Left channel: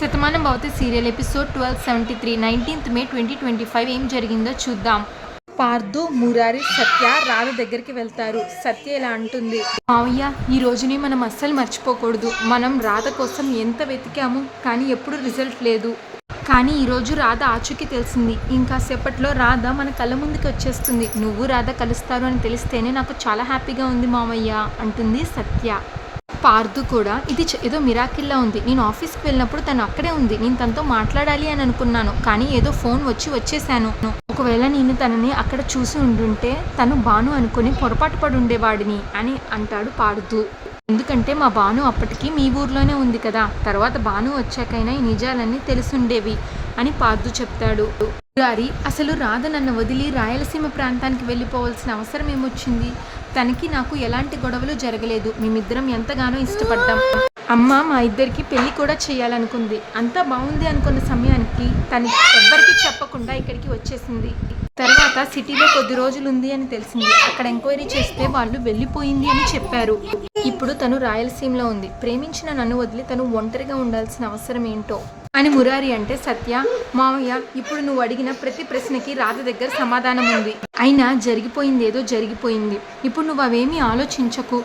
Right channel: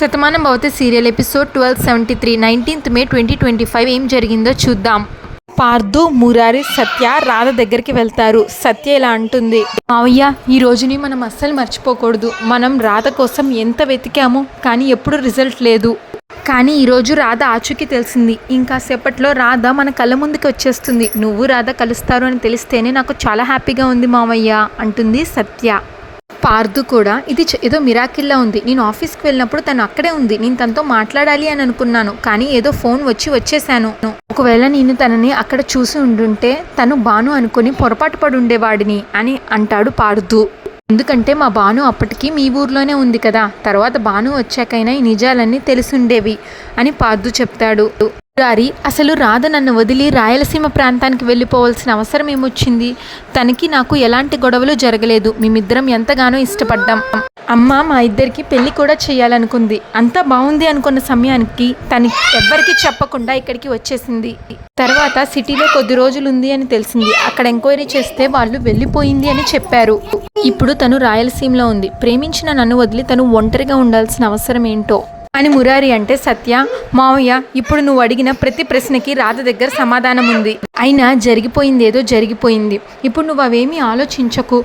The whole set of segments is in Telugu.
Shatamanam Bhavati serial episode 1273 19th May 2025 ఏం జరిగిందో చూద్దాం. పార్థు, మురారి, సత్య రాధ దగ్గరికి వెళ్తారు. సత్య ఇలా అంటుంది, మావయ్య ఈ రోజుని మనం అస్సలు మర్చిపోకూడదు. మనం రాధ కోసం ఎంత వెతికాము కానీ ఎప్పుడు రిజల్ట్ లేదు. కానీ ఈరోజు రాధ ఆచూకీ తెలిసింది. ఇంకా సేపట్లో రాధ మన కళ్ళ ముందుకు వచ్చేస్తుంది. నువ్వు రాధ కలుస్తారు అని తెలిస్తేనే నాకు చాలా హ్యాపీగా ఉంది మావయ్య అంటుంది సత్య. పార్థు కూడా ఇది ఏదో మిరాకిల్లా ఉంది. నేను ఆఫీస్కి వెళ్ళినప్పుడు తను అక్కడే ఉంది. నేను తనతో మాట్లాడాలి అని అనుకున్నాను కానీ ఏదో ఫోన్ వచ్చేసాను. ఒకవేళ నేను తనని అక్కడ చూసి ఉండుంటే తను బాను అనుకుని పొరపాటు పడి ఉండేవాడిని అని అంటాడు పార్థు. ఎందుకంటే మా బాను అప్పటికి మీ ఊర్లోనే ఉంది కదా, తర్వాత బాను వచ్చాకైనా ఈ నిజాలన్నీ తెలిసుండేవి అని పార్థు చెప్తాడు. మురారి, అసలు రాధ నన్ను వదిలి రాయలసీమ ప్రాంతానికి వెళ్ళిపోవాల్సిన అవసరం ఏమొచ్చింది? తనకి నాకు ఎలాంటి గొడవలు జరగలేదు. మేమిద్దరం ఎంతగానో ఇష్టపడ్డాం. అమ్మ మా ఇద్దరికి పెళ్లి కూడా చేయాలనుకుంది. అంతా బాగుంది అనుకున్న సమయానికి తనకి ఎవ్వరికీ చెప్పకుండా ఇక్కడికి వచ్చేసింది. తర్వాత సిటీలో కొద్ది రోజులు ఉంది అని తెలిసింది. అక్కడ ఎంక్వైరీ చేస్తే వాళ్ళు వెళ్ళిపోయింది అని చెప్పారు. ఇప్పుడు తను రాయలసీమలో ఉంది. ప్రేమించిన నన్ను వదిలి తను ఒంటరిగా ఉండాల్సిన అవసరం ఏంటో అని మురారి అంటే, సత్య, మావయ్య ఇప్పుడు నువ్వు అడిగిన ప్రతి ప్రశ్నకి రాధ దగ్గర సమాధానం ఉంది. అయినా జరిగిపోయింది ఏదో జరిగిపోయింది. ఇప్పుడు నువ్వు అవేమీ ఆలోచించకు.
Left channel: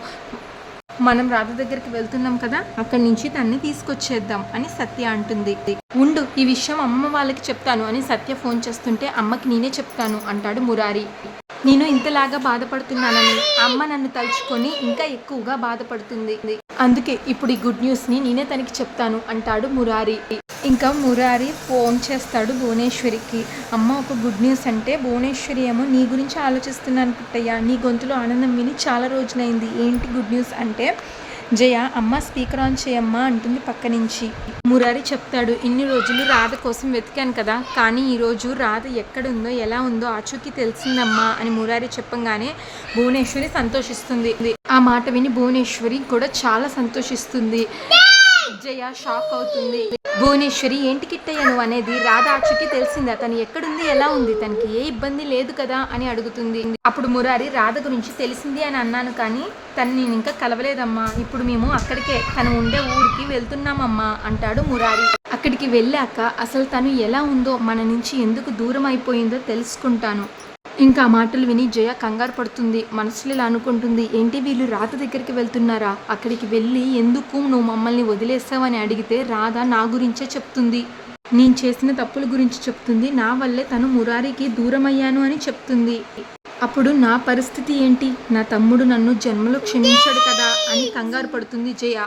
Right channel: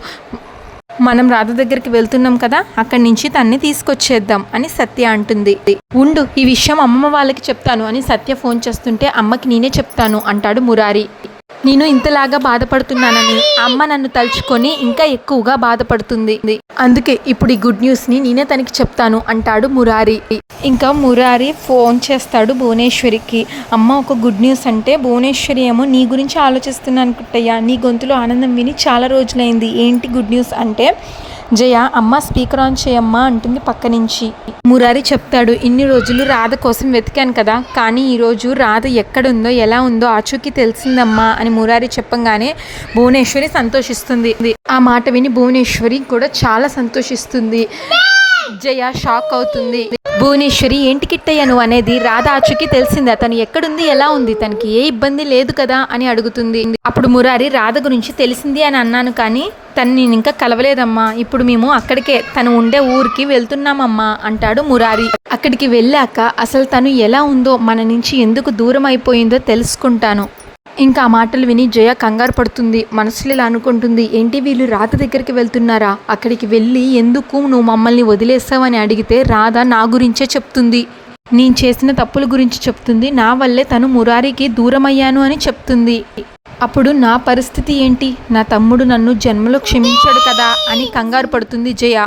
మనం రాధ దగ్గరికి వెళ్తున్నాం కదా, అక్కడి నుంచి తన్ని తీసుకొచ్చేద్దాం అని సత్య అంటుంది. ఉండు, ఈ విషయం అమ్మమ్మ వాళ్ళకి చెప్తాను అని సత్య ఫోన్ చేస్తుంటే, అమ్మకి నేనే చెప్తాను అంటాడు మురారి. నేను ఇంతలాగా బాధపడుతున్నానని అమ్మ నన్ను తలుచుకొని ఇంకా ఎక్కువగా బాధపడుతుంది. అందుకే ఇప్పుడు ఈ గుడ్ న్యూస్ని నేనే తనకి చెప్తాను అంటాడు మురారి. ఇంకా మురారి ఫోన్ చేస్తాడు భువనేశ్వరికి. అమ్మ ఒక గుడ్ న్యూస్ అంటే, భువనేశ్వరి ఏమో నీ గురించి ఆలోచిస్తున్నాను కుట్టయ్యా, నీ గొంతులో ఆనందం విని చాలా రోజులైంది. ఏంటి గుడ్ న్యూస్ అంటే, జయ అమ్మ స్పీకర్ ఆన్ చేయమ్మా అంటుంది పక్క నుంచి. మురారి చెప్తాడు, ఇన్ని రోజులు రాధ కోసం వెతికాను కదా, కానీ ఈరోజు రాధ ఎక్కడుందో ఎలా ఉందో ఆచూకీ తెలిసిందమ్మా అని మురారి చెప్పంగానే భువనేశ్వరి సంతోషిస్తుంది. ఆ మాట విని భువనేశ్వరి కూడా చాలా సంతోషిస్తుంది. జయ షాక్ అవుతుంది. భువనేశ్వరి, ఏంటి కిట్టయ్య నువ్వు అనేది? రాధ ఆచూకీ తెలిసిందా? తను ఎక్కడుంది, ఎలా ఉంది, తనకి ఏ ఇబ్బంది లేదు కదా అని అడుగుతుంది. అప్పుడు మురారి, రాధ గురించి తెలిసింది అని అన్నాను కానీ తను నేను ఇంకా కలవలేదమ్మా. ఇప్పుడు మేము అక్కడికే తను ఉండే ఊరికి వెళ్తున్నామమ్మా అంటాడు మురారి. అక్కడికి వెళ్ళాక అసలు తను ఎలా ఉందో, మన నుంచి ఎందుకు దూరం అయిపోయిందో తెలుసుకుంటాను. ఇంకా ఆ మాటలు విని జయ కంగారు పడుతుంది. మనసులో ఇలా అనుకుంటుంది, ఏంటి వీళ్ళు రాధ దగ్గరికి వెళ్తున్నారా? అక్కడికి వెళ్ళి ఎందుకు నువ్వు మమ్మల్ని వదిలేసావని అడిగితే రాధ నా గురించే చెప్తుంది. నేను చేసిన తప్పుల గురించి చెప్తుంది. నా వల్లే తను మురారికి దూరమయ్యాను అని చెప్తుంది. అప్పుడు నా పరిస్థితి ఏంటి? నా తమ్ముడు నన్ను జన్మలో క్షమించాడు కదా అని కంగారు పడుతుంది జయ.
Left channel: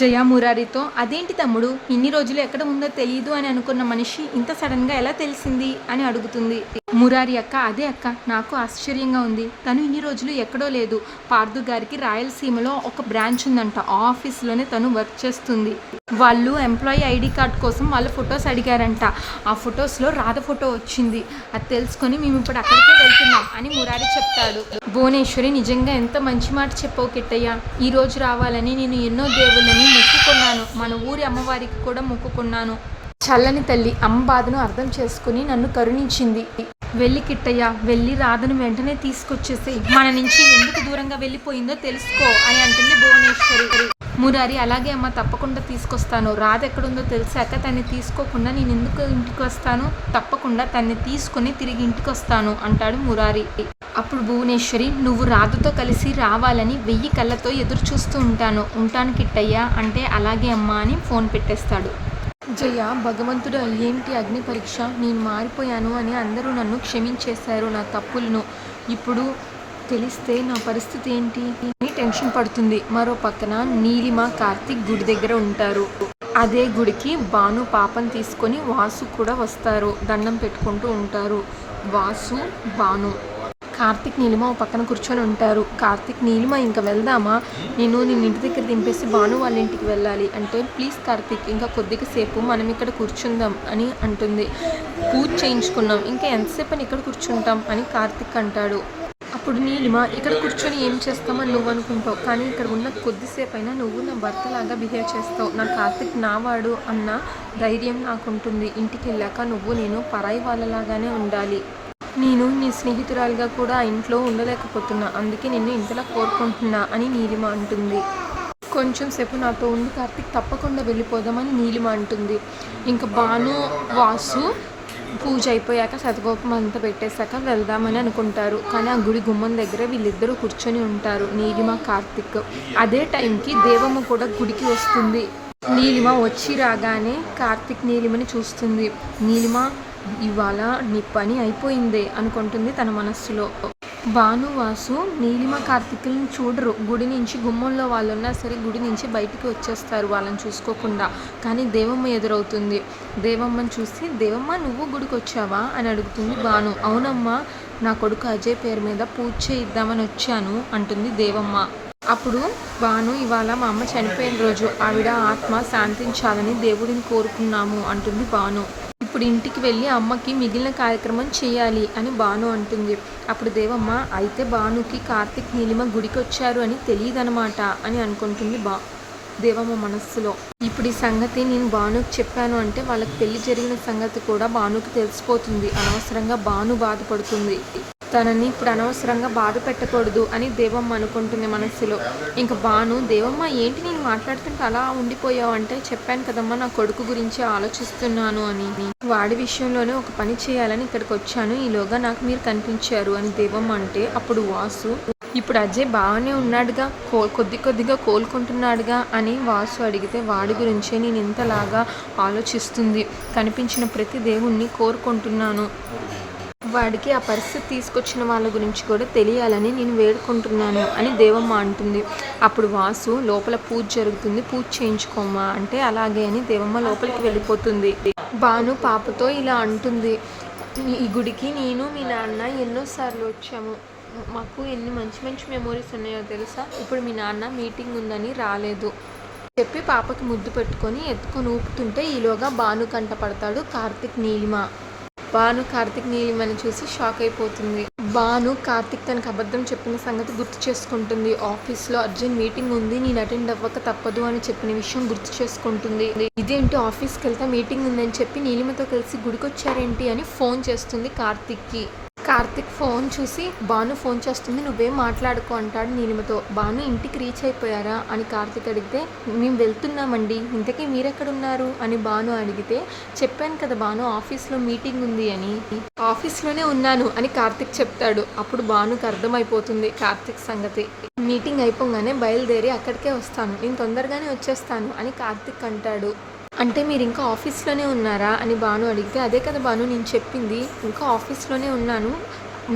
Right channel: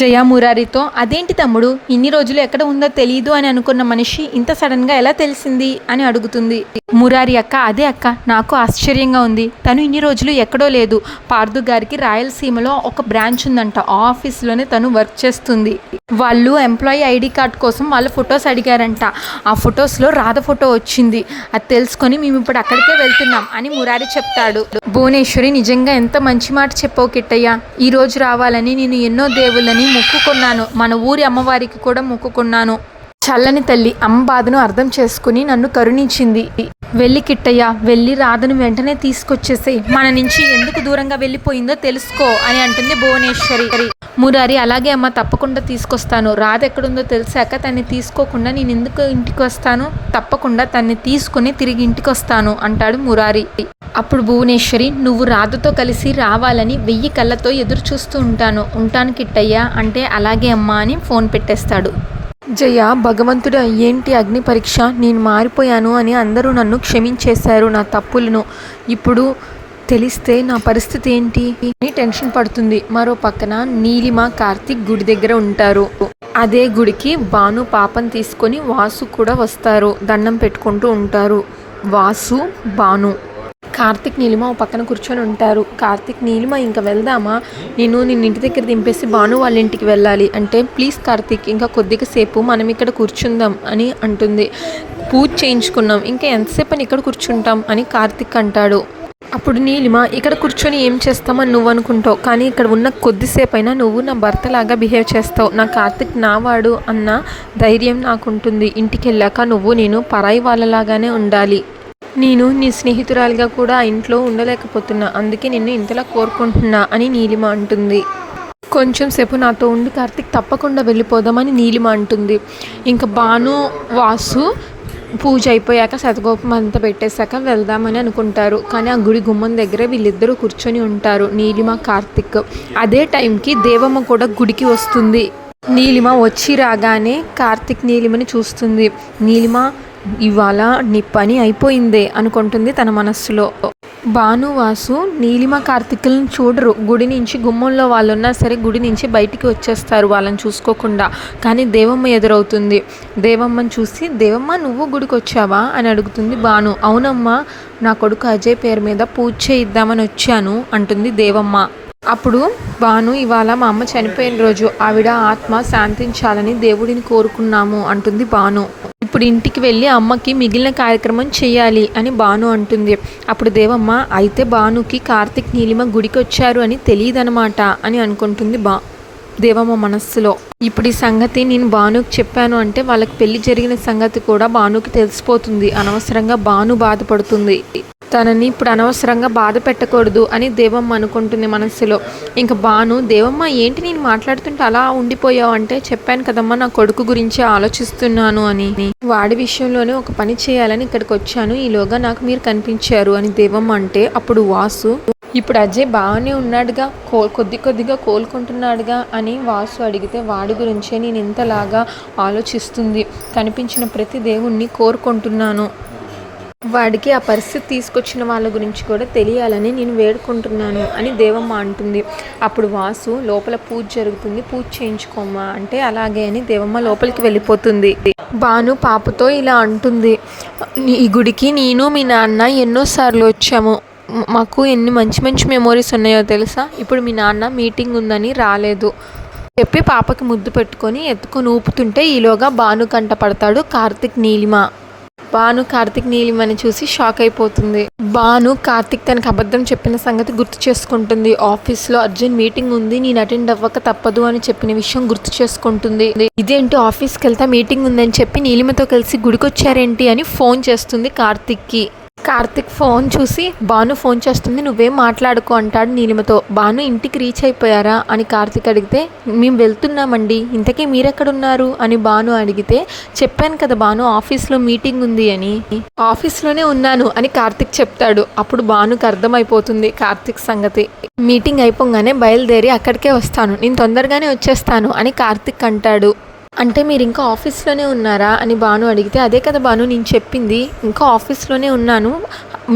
జయ మురారితో, అదేంటి తమ్ముడు, ఇన్ని రోజులు ఎక్కడ ఉందో తెలియదు అని అనుకున్న మనిషి ఇంత సడన్ గా ఎలా తెలిసింది అని అడుగుతుంది. మురారి, అక్క అదే అక్క, నాకు ఆశ్చర్యంగా ఉంది. తను ఇన్ని రోజులు ఎక్కడో లేదు. పార్థు గారికి రాయలసీమలో ఒక బ్రాంచ్ ఉందంట. ఆ ఆఫీస్లోనే తను వర్క్ చేస్తుంది. వాళ్ళు ఎంప్లాయీ ఐడి కార్డ్ కోసం వాళ్ళ ఫొటోస్ అడిగారంట. ఆ ఫొటోస్లో రాధ ఫోటో వచ్చింది. అది తెలుసుకొని మేము ఇప్పుడు అక్కడికే వెళ్తున్నాం అని మురారి చెప్తాడు. భువనేశ్వరి, నిజంగా ఎంత మంచి మాట చెప్పావు కిట్టయ్య. ఈ రోజు రావాలని నేను ఎన్నో దేవుళ్ళని మొక్కుకున్నాను. మన ఊరి అమ్మవారికి కూడా మొక్కుకున్నాను. చల్లని తల్లి అమ్మ బాధను అర్థం చేసుకుని నన్ను కరుణించింది. వెళ్ళి కిట్టయ్య, వెళ్ళి రాధను వెంటనే తీసుకొచ్చేసేయ్. మన నుంచి ఎందుకు దూరంగా వెళ్ళిపోయిందో తెలుసుకో అని అంటుంది భువనేశ్వరి. మురారి, అలాగే అమ్మ, తప్పకుండా తీసుకొస్తాను. రాధ ఎక్కడుందో తెలిసాక తన్ని తీసుకోకుండా నేను ఎందుకు ఇంటికి వస్తాను? తప్పకుండా తన్ని తీసుకుని తిరిగి ఇంటికి వస్తాను అంటాడు మురారి. అప్పుడు భువనేశ్వరి, నువ్వు రాధతో కలిసి రావాలని 1000 కళ్ళతో ఎదురు చూస్తూ ఉంటాను కిట్టయ్య అంటే, అలాగే అమ్మ అని ఫోన్ పెట్టేస్తాడు. జయ, భగవంతుడు ఏంటి అగ్ని పరీక్ష, నేను మారిపోయాను అని అందరూ నన్ను క్షమించేశారు నా తప్పులను. ఇప్పుడు తెలిస్తే నా పరిస్థితి ఏంటి అని టెన్షన్ పడుతుంది. మరో పక్కన నీలిమ, కార్తిక్ గుడి దగ్గర ఉంటారు. అదే గుడికి బాను పాపను తీసుకొని వాసు కూడా వస్తారు. దండం పెట్టుకుంటూ ఉంటారు. వాసు, బాను, కార్తిక్, నీలిమ ఓ పక్కన కూర్చొని ఉంటారు. కార్తిక్, నీలిమ ఇంకా వెళ్దామా? నేను నిన్న ఇంటి దగ్గర దింపేసి బాను వాళ్ళ ఇంటికి వెళ్ళాలి అంటే, ప్లీజ్ కార్తిక్, ఇంకా కొద్దిగా సేపు మనం ఇక్కడ కూర్చుందాం అని అంటుంది. పూజ చేయించుకున్నాం, ఇంకా ఎంతసేపు అని ఇక్కడ కూర్చుంటాం అని కార్తిక్ అంటాడు. అప్పుడు నీలిమ, ఇక్కడ కూర్చొని ఏం చేస్తామని నువ్వు అనుకుంటావు, కానీ ఇక్కడ ఉన్న కొద్దిసేపు అయినా నువ్వు నా భర్తలాగా బిహేవ్ చేస్తావు. నా కార్తిక్ నావాడు అన్న ధైర్యం నాకుంటుంది. ఇంటికి వెళ్ళాక నువ్వు నేను పరాయి వాళ్ళలాగానే ఉండాలి. నేను నీ స్నేహితురాలిగా కూడా ఆ ఇంట్లో ఉండలేకపోతున్నా. అందుకే నిన్ను ఇంతలా కోరుకుంటున్నా అని నీలిమ అంటుంది. కొంచెం సేపు నాతో ఉండి కార్తీక్, తప్పకుండా వెళ్ళిపోదామని నీలిమ అంటుంది. ఇంకా భాను వాసు పూజ అయిపోయాక శతకోపం అంతా పెట్టేశాక వెళ్దామని అనుకుంటారు. కానీ ఆ గుడి గుమ్మం దగ్గరే వీళ్ళిద్దరూ కూర్చొని ఉంటారు, నీలిమ కార్తీక్. అదే టైంకి దేవమ్మ కూడా గుడికి వస్తుంది. నీలిమ వచ్చి రాగానే కార్తీక్ నీలిమని చూస్తుంది. నీలిమ, ఇవాళ నీ పని అయిపోయిందే అనుకుంటుంది తన మనస్సులో. భానువాసు నీలిమ కార్తీకులను చూడరు. గుడి నుంచి గుమ్మంలో వాళ్ళు ఉన్నా సరే గుడి నుంచి బయటికి వచ్చేస్తారు వాళ్ళని చూసుకోకుండా. కానీ దేవమ్మ ఎదురవుతుంది. దేవమ్మని చూసి, దేవమ్మ నువ్వు గుడికి వచ్చావా అని అడుగుతుంది భాను. అవునమ్మా, నా కొడుకు అజయ్ పేరు మీద పూజ చేయిద్దామని వచ్చాను అంటుంది దేవమ్మ. అప్పుడు భాను, ఇవాళ మా అమ్మ చనిపోయిన రోజు, ఆవిడ ఆత్మ శాంతించాలని దేవుడిని కోరుకున్నాము అంటుంది భాను. ఇప్పుడు ఇంటికి వెళ్ళి అమ్మకి మిగిలిన కార్యక్రమం చేయాలి అని భాను అంటుంది. అప్పుడు దేవమ్మ, అయితే భానుకి కార్తీక్ నీలిమ గుడికి వచ్చారు అని తెలియదనమాట అని అనుకుంటుంది దేవమ్మ మనస్సులో. ఇప్పుడు ఈ సంగతి నేను భానుకి చెప్పాను అంటే వాళ్ళకి పెళ్లి జరిగిన సంగతి కూడా భానుకి తెలిసిపోతుంది. అనవసరంగా భాను బాధపడుతుంది. తనని ఇప్పుడు అనవసరంగా బాధ పెట్టకూడదు అని దేవమ్మ అనుకుంటుంది మనస్సులో. ఇంకా భాను, దేవమ్మ ఏంటి నేను మాట్లాడుతుంటే అలా ఉండిపోయావు అంటే, చెప్పాను కదమ్మా నా కొడుకు గురించి ఆలోచిస్తున్నాను అని. వాడి విషయంలోనే ఒక పని చేయాలని ఇక్కడికి వచ్చాను, ఈలోగా నాకు మీరు కనిపించారు అని దేవమ్మ అంటే, అప్పుడు వాసు, ఇప్పుడు అజయ్ బాగానే ఉన్నాడుగా, కొద్దిగా కోలుకుంటున్నాడుగా అని వాసు అడిగితే, వాడి గురించే నేను ఇంతలాగా ఆలోచిస్తుంది. కనిపించిన ప్రతి దేవుణ్ణి కోరుకుంటున్నాను. వాడికి ఆ పరిస్థితి తీసుకొచ్చిన వాళ్ళ గురించి కూడా తెలియాలని నేను వేడుకుంటున్నాను అని దేవమ్మ అంటుంది. అప్పుడు వాసు, లోపల పూజ జరుగుతుంది, పూజ చేయించుకోమ్మా అంటే అలాగే అని దేవమ్మ లోపలికి వెళ్ళిపోతుంది. భాను పాపతో ఇలా అంటుంది, ఈ గుడికి నేను మీ నాన్న ఎన్నోసార్లు వచ్చాము, మాకు ఎన్ని మంచి మంచి మెమోరీస్ ఉన్నాయో తెలుసా. ఇప్పుడు మీ నాన్న మీటింగ్ ఉందని రాలేదు చెప్పి పాపకి ముద్దు పెట్టుకొని ఎత్తుకొని ఊపుతుంటే ఈలోగా భాను కంట పడతాడు కార్తీక్ నీలిమ. భాను కార్తీక్ నీలిమని చూసి షాక్ అయిపోతుంది. భాను కార్తీక్ తనకు అబద్ధం చెప్పిన సంగతి గుర్తు చేసుకుంటుంది. ఆఫీస్లో అర్జెంట్ మీటింగ్ ఉంది, నేను అటెండ్ అవ్వక తప్పదు అని చెప్పిన విషయం గుర్తు చేసుకుంటుంది. ఇదేంటి ఆఫీస్కి వెళ్తా మీటింగ్ ఉందని చెప్పి నీలిమతో కలిసి గుడికొచ్చారేంటి అని ఫోన్ చేస్తుంది కార్తీక్కి. కార్తీక్ ఫోన్ చూసి భాను ఫోన్ చేస్తుంది, నువ్వేం మాట్లాడుకో అంటాడు నీలిమతో. భాను ఇంటికి రీచ్ అయిపోయారా అని కార్తీక్ అడిగితే, మేము వెళ్తున్నామండి, ఇంతకీ మీరెక్కడున్నారు అని భాను అడిగితే, చెప్పాను కదా భాను ఆఫీస్లో మీటింగ్ ఉంది అని. ఆఫీస్లోనే ఉన్నాను అని కార్తీక్ చెప్తాడు. అప్పుడు భానుకు అర్థమైపోతుంది కార్తీక్ సంగతి. మీటింగ్ అయిపోగానే బయలుదేరి అక్కడికే వస్తాను, నేను తొందరగానే వచ్చేస్తాను అని కార్తీక్ అంటాడు. అంటే మీరు ఇంకా ఆఫీస్లోనే ఉన్నారా అని భాను అడిగితే, అదే కదా భాను నేను చెప్పింది, ఇంకా ఆఫీస్లోనే ఉన్నాను,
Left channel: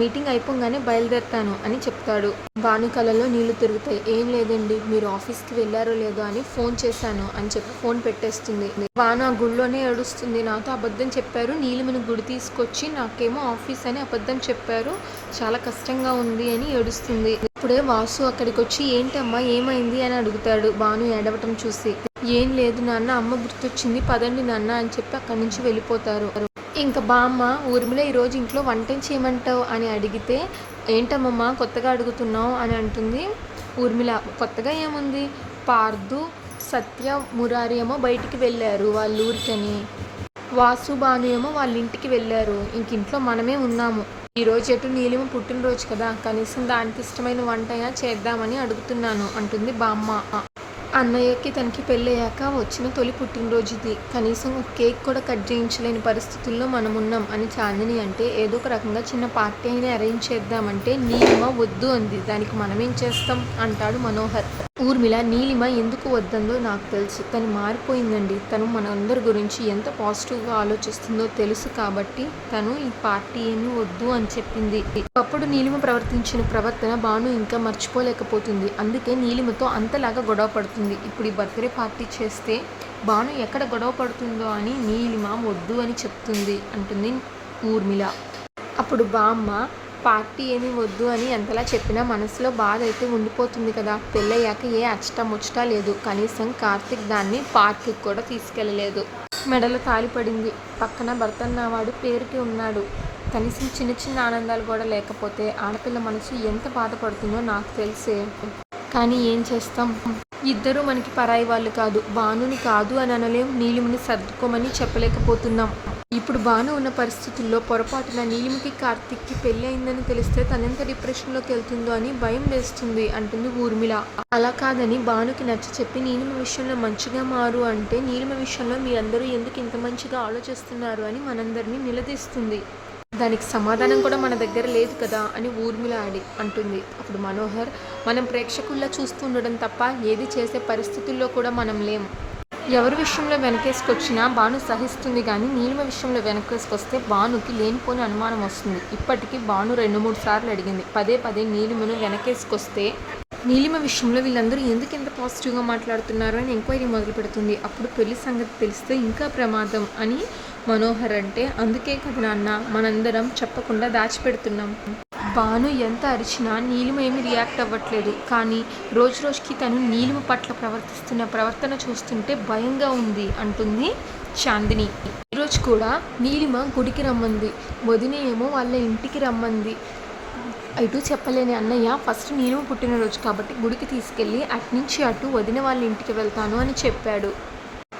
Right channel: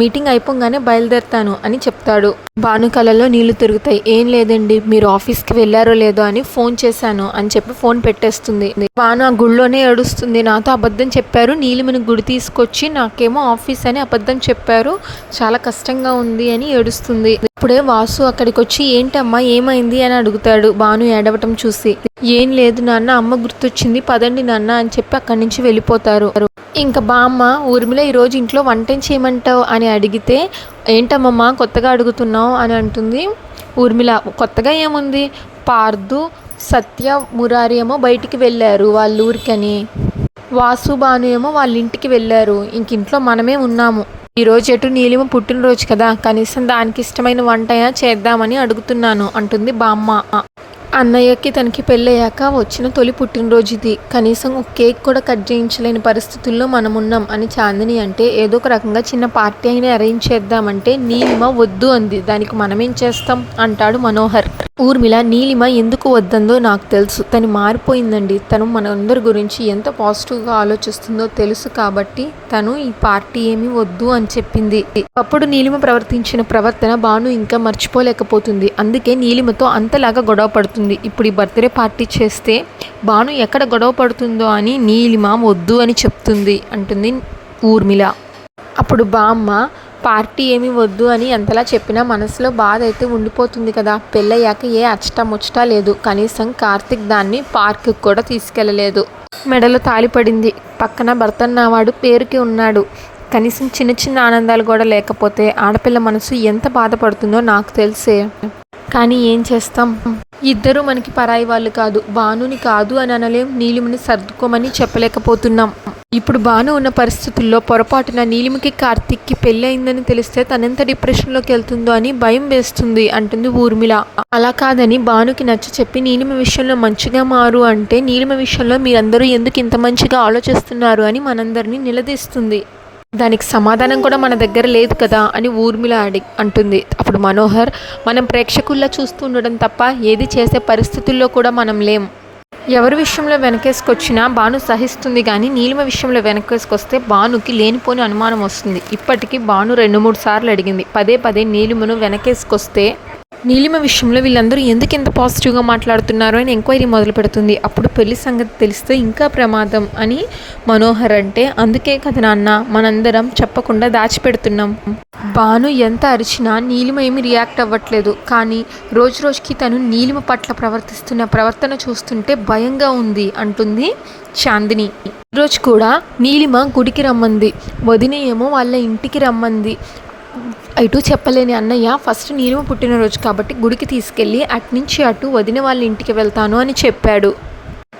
మీటింగ్ అయిపోగానే బయలుదేరుతాను అని చెప్తాడు. భాను కళ్ళలో నీళ్లు తిరుగుతాయి. ఏం లేదండి, మీరు ఆఫీస్కి వెళ్ళారో లేదో అని ఫోన్ చేశాను అని చెప్పి ఫోన్ పెట్టేస్తుంది. భాను ఆ గుళ్ళోనే ఏడుస్తుంది. నాతో అబద్ధం చెప్పారు, నీలిమని గుడి తీసుకొచ్చి నాకేమో ఆఫీస్ అని అబద్ధం చెప్పారు, చాలా కష్టంగా ఉంది అని ఏడుస్తుంది. ఇప్పుడే వాసు అక్కడికి వచ్చి, ఏంటమ్మా ఏమైంది అని అడుగుతాడు. భాను ఏడవటం చూసి, ఏం లేదు నాన్న, అమ్మ గుర్తొచ్చింది, పదండి నాన్న అని చెప్పి అక్కడి నుంచి వెళ్ళిపోతారు. ఇంకా బామ్మ, ఊర్మిళ ఈరోజు ఇంట్లో వంట చేయమంటావు అని అడిగితే, ఏంటమ్మమ్మ కొత్తగా అడుగుతున్నావు అని అంటుంది. ఊర్మిళ, కొత్తగా ఏముంది, పార్దు సత్య మురారి ఏమో బయటికి వెళ్ళారు వాళ్ళ ఊరికని, వాసు భాను ఏమో వాళ్ళ ఇంటికి వెళ్ళారు, ఇంక ఇంట్లో మనమే ఉన్నాము. ఈరోజు ఎటు నీలిమ పుట్టినరోజు కదా, కనీసం దానికి ఇష్టమైన వంట అయినా చేద్దామని అడుగుతున్నాను అంటుంది బామ్మ. అన్నయ్యకి తనకి పెళ్ళయ్యాక వచ్చిన తొలి పుట్టినరోజు ఇది, కనీసం ఒక కేక్ కూడా కట్ చేయించలేని పరిస్థితుల్లో మనం ఉన్నాం అని చాందిని అంటే, ఏదో ఒక రకంగా చిన్న పార్టీ అయినా అరేంజ్ చేద్దామంటే నీలిమ వద్దు అంది. దానికి మనమేం చేస్తాం అంటాడు మనోహర్. ఊర్మిళ, నీలిమ ఎందుకు వద్దందో నాకు తెలుసు, తను మారిపోయిందండి, తను మనందరి గురించి ఎంత పాజిటివ్గా ఆలోచిస్తుందో తెలుసు కాబట్టి తను ఈ పార్టీ ఏమీ వద్దు అని చెప్పింది. అప్పుడు నీలిమ ప్రవర్తించిన ప్రవర్తన భాను ఇంకా మర్చిపోలేకపోతుంది. అందుకే నీలిమతో అంతలాగా గొడవ పడుతుంది. ఇప్పుడు ఈ బర్త్డే పార్టీ చేస్తే భాను ఎక్కడ గొడవ పడుతుందో అని నీలిమ వద్దు అని చెప్తుంది అంటుంది ఊర్మిళ. అప్పుడు బామ్మ, పార్టీ ఏమీ వద్దు అని ఎంతలా చెప్పినా మనసులో బాధ అయితే ఉండిపోతుంది కదా, పెళ్ళయ్యాక ఏ అచ్చటముచ్చటా లేదు, కనీసం కార్తీక్ దాన్ని పార్క్కి కూడా తీసుకెళ్ళలేదు, మెడలో తాళి పడింది, పక్కన భర్తన్నవాడు పేరుకి ఉన్నాడు, కనీసం చిన్న చిన్న ఆనందాలు కూడా లేకపోతే ఆడపిల్ల మనసు ఎంత బాధపడుతుందో నాకు తెలిసే. కానీ ఏం చేస్తాం, ఇద్దరు మనకి పరాయి వాళ్ళు కాదు, భానుని కాదు అని అనలేం, నీలిమని సర్దుకోమని చెప్పలేకపోతున్నాం. ఇప్పుడు భాను ఉన్న పరిస్థితుల్లో పొరపాటున నీలిమకి కార్తిక్కి పెళ్ళి అయిందని తెలిస్తే తనెంత డిప్రెషన్లోకి వెళ్తుందో అని భయం వేస్తుంది అంటుంది ఊర్మిళ. అలా కాదని భానుకి నచ్చ చెప్పి నీలిమ విషయంలో మంచిగా మారు అంటే నీలిమ విషయంలో మీరందరూ ఎందుకు ఇంత మంచిగా ఆలోచిస్తున్నారు అని మనందరినీ నిలదీస్తుంది. దానికి సమాధానం కూడా మన దగ్గర లేదు కదా అని ఊర్మిళ అంటుంది. అప్పుడు మనోహర్, మనం ప్రేక్షకుల్లా చూస్తూ ఉండడం తప్ప ఏది చేసే పరిస్థితుల్లో కూడా మనం లేం. ఎవరి విషయంలో వెనకేసుకొచ్చినా భాను సహిస్తుంది, కానీ నీలిమ విషయంలో వెనకేసుకొస్తే భానుకి లేనిపోని అనుమానం వస్తుంది. ఇప్పటికీ భాను 2-3 సార్లు అడిగింది పదే పదే నీలిమను వెనకేసుకొస్తే. నీలిమ విషయంలో వీళ్ళందరూ ఎందుకు ఇంత పాజిటివ్గా మాట్లాడుతున్నారు అని ఎంక్వైరీ మొదలు పెడుతుంది. అప్పుడు పెళ్లి సంగతి తెలిస్తే ఇంకా ప్రమాదం అని మనోహర్ అంటే, అందుకే కదా నాన్న మనందరం చెప్పకుండా దాచిపెడుతున్నాం. భాను ఎంత అరిచినా నీలిమ ఏమి రియాక్ట్ అవ్వట్లేదు, కానీ రోజు రోజుకి తను నీలిమ పట్ల ప్రవర్తిస్తున్న ప్రవర్తన చూస్తుంటే భయంగా ఉంది అంటుంది చాందిని. ఈరోజు కూడా నీలిమ గుడికి రమ్మంది, వదిన ఏమో వాళ్ళ ఇంటికి రమ్మంది. ఇటు చెప్పలేని అన్నయ్య ఫస్ట్ నీలిమ పుట్టినరోజు కాబట్టి గుడికి తీసుకెళ్ళి అట్నుంచి అటు వదిన వాళ్ళ ఇంటికి వెళ్తాను అని చెప్పాడు.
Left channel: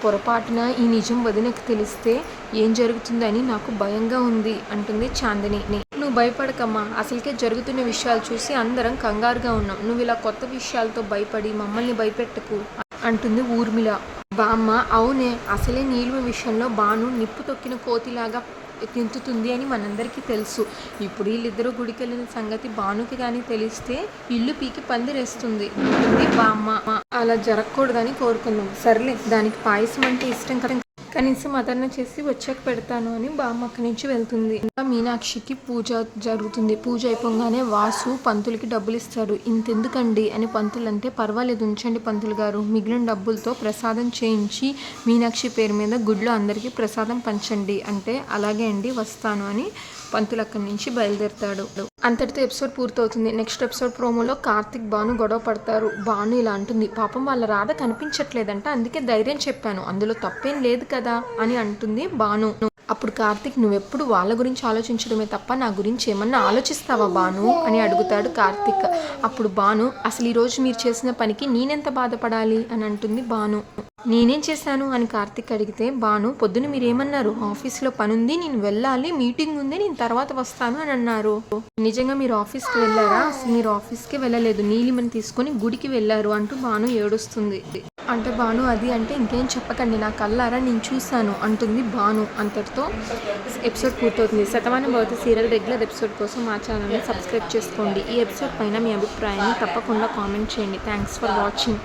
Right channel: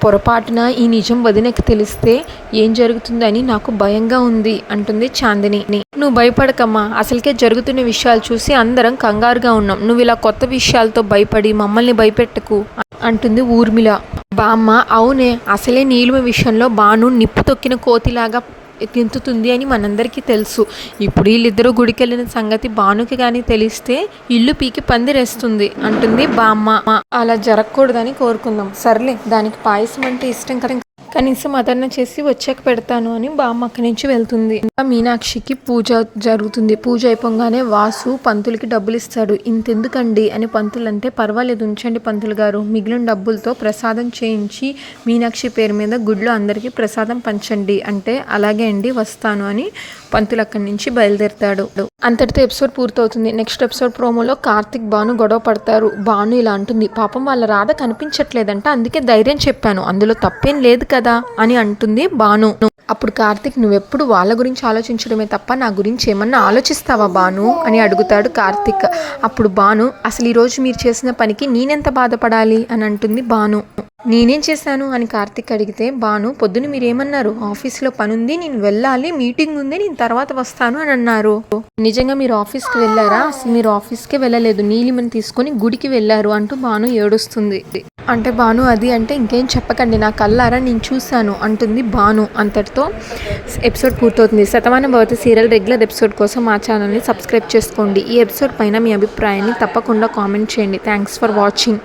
పొరపాటున ఈ నిజం వదినకి తెలిస్తే ఏం జరుగుతుందని నాకు భయంగా ఉంది అంటుంది చాందిని. నువ్వు భయపడకమ్మా, అసలుకే జరుగుతున్న విషయాలు చూసి అందరం కంగారుగా ఉన్నాం. నువ్వు ఇలా కొత్త విషయాలతో భయపడి మమ్మల్ని భయపెట్టకు అంటుంది ఊర్మిళ. బామ్మ, అవునే, అసలే నీలిమ విషయంలో భాను నిప్పు తొక్కిన కోతిలాగా గెంతుతుంది అని మనందరికీ తెలుసు. ఇప్పుడు వీళ్ళిద్దరూ గుడికి వెళ్ళిన సంగతి భానుకి కానీ తెలిస్తే ఇల్లు పీకి పందిరేస్తుంది అంటుంది బామ్మ. అలా జరగకూడదని కోరుకుందాం. సర్లే, దానికి పాయసం అంటే ఇష్టం కదా, కనీసం అదన్న చేసి వచ్చాక పెడతాను అని బామ్మ అక్కడి నుంచి వెళ్తుంది. మీనాక్షికి పూజ జరుగుతుంది. పూజ అయిపోగానే వాసు పంతులకి డబ్బులు ఇస్తాడు. ఇంతెందుకండి అని పంతులు అంటే, పర్వాలేదు ఉంచండి పంతులు గారు, మిగిలిన డబ్బులతో ప్రసాదం చేయించి మీనాక్షి పేరు మీద గుడిలో అందరికీ ప్రసాదం పంచండి అంటే, అలాగే అండి వస్తాను అని పంతులు అక్కడి నుంచి బయలుదేరుతాడు. అంతటితో ఎపిసోడ్ పూర్తవుతుంది. నెక్స్ట్ ఎపిసోడ్ ప్రోమోలో కార్తిక్ భాను గొడవ పడతారు. భాను ఇలా అంటుంది, పాపం వాళ్ళ రాధ కనిపించట్లేదంట, అందుకే ధైర్యం చెప్పాను, అందులో తప్పేం లేదు కదా అని అంటుంది భాను. అప్పుడు కార్తిక్, నువ్వెప్పుడు వాళ్ళ గురించి ఆలోచించడమే తప్ప నా గురించి ఏమన్నా ఆలోచిస్తావా భాను అని అడుగుతాడు కార్తిక్. అప్పుడు భాను, అసలు ఈరోజు మీరు చేసిన పనికి నేనెంత బాధపడాలి అని అంటుంది భాను. నేనేం చేశాను అని కార్తిక్ అడిగితే, భాను, పొద్దున మీరేమన్నారు, ఆఫీస్లో పని ఉంది, నేను వెళ్ళాలి, మీటింగ్ ఉంది, నేను తర్వాత వస్తాను అని అన్నారు. నిజంగా మీరు ఆఫీస్కి వెళ్ళారా? అసలు మీరు ఆఫీస్కే వెళ్ళలేదు, నీలిమని తీసుకొని గుడికి వెళ్ళారు అంటూ భాను ఏడుస్తుంది. అంటే భాను అది అంటే ఇంకేం చెప్పకండి, నా కళ్ళారా నేను చూశాను అంటుంది భాను. అంతటితో ఎపిసోడ్ పూర్తవుతుంది. Shatamanam Bhavati serial regular episode కోసం మా ఛానల్ని సబ్స్క్రైబ్ చేసుకోండి. ఈ ఎపిసోడ్ పైన మీ అభిప్రాయాన్ని తప్పకుండా కామెంట్ చేయండి. Thanks for watching.